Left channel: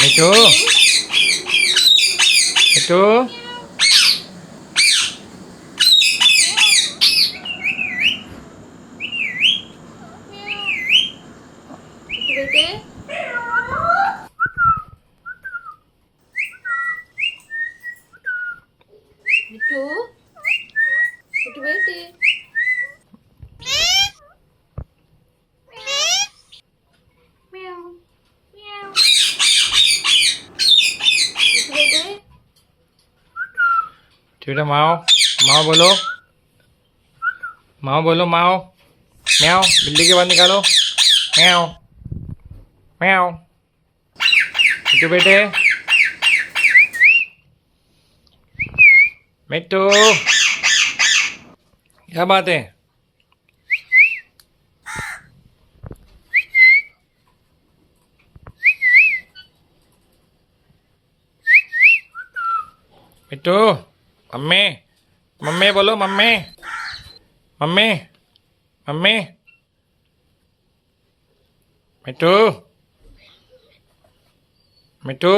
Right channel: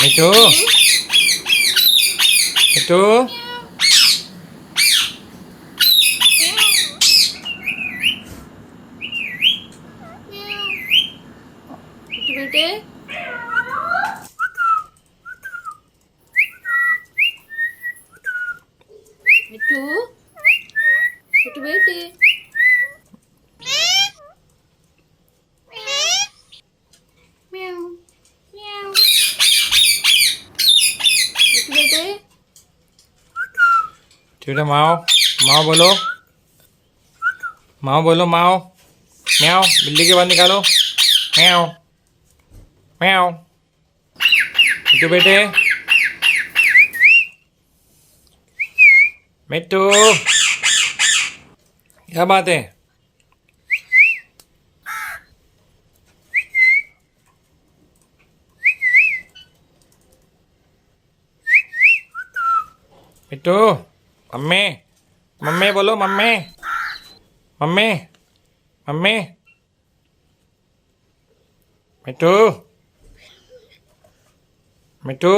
मिठू मिठू बेटे मिठू मिठू बेटे म्याऊ म्याऊ मिठू बेटे ठीक है माओ माओ बोलो माओ म्याओ बिल्ली के बाद निकालो म्याओ म्याओ मिठू बेटे मिठू क्या बात है मिठू मम्मी मम्मी बोलो मम्मी मम्मी मम्मी मिठू मिठू